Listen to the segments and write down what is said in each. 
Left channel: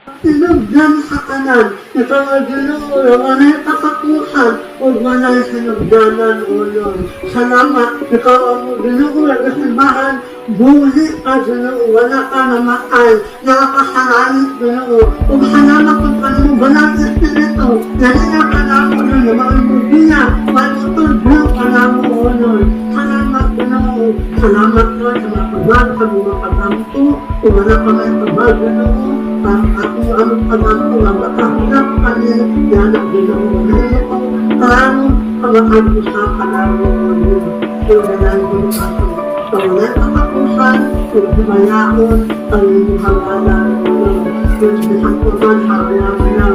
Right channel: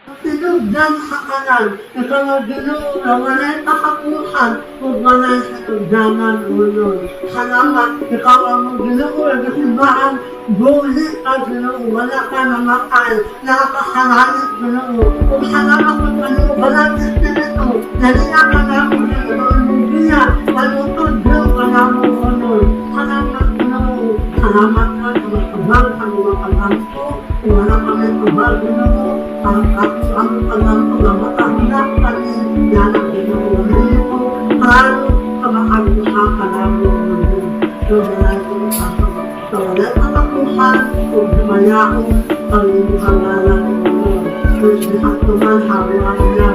Sinugdan sa kanan, ikaw ang Ginoo, walay kakapuhan, o walay sinugdanan ulo. Salamat, ikaw ang Ginoo, nagsimbahan, bulit ka Ginoo, wala ka namatay, nakakasalain Ginoo. Kung salamat kung ano, walang espiritu, nalina ka na mo ulo, maulubina, malutod mo ka na mo ulo. Salamat Ginoo, salamat ka sa mga pagod, sa mga pagamto, kung wala kami pagod Ginoo. Ako ang pagkanto ang makahinap kami yan ang ginauhin ko. Paano kamakabusakan namin sudanan ko ako sa walang katapusan kung himayaon ang hangalan ko. Kung bisang ko man sa buwan niya,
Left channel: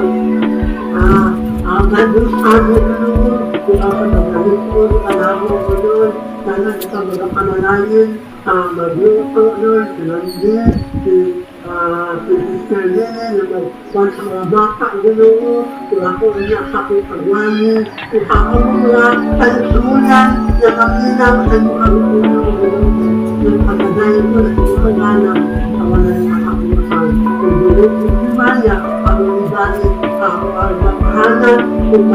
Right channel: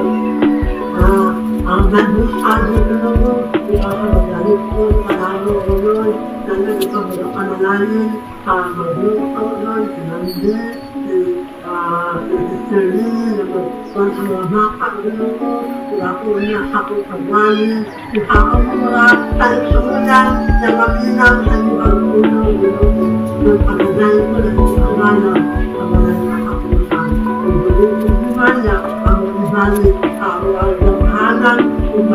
mabusabi ko noon, ikaw sa magalit ko, panahon ko noon, sana ikaw magapanalangin, magluto noon, sinanggit, kung sa mga bata, Ginoo, kung ako na sakot sa buwanin, kung ako mga talusulan na makilang sa mga tulong, Ginoo, ng pagkagayan ko na ikawanan sa mga nakakusan. Kung Ginoo, kung Himaya, ang mga ibalik sa mga pahanan, kung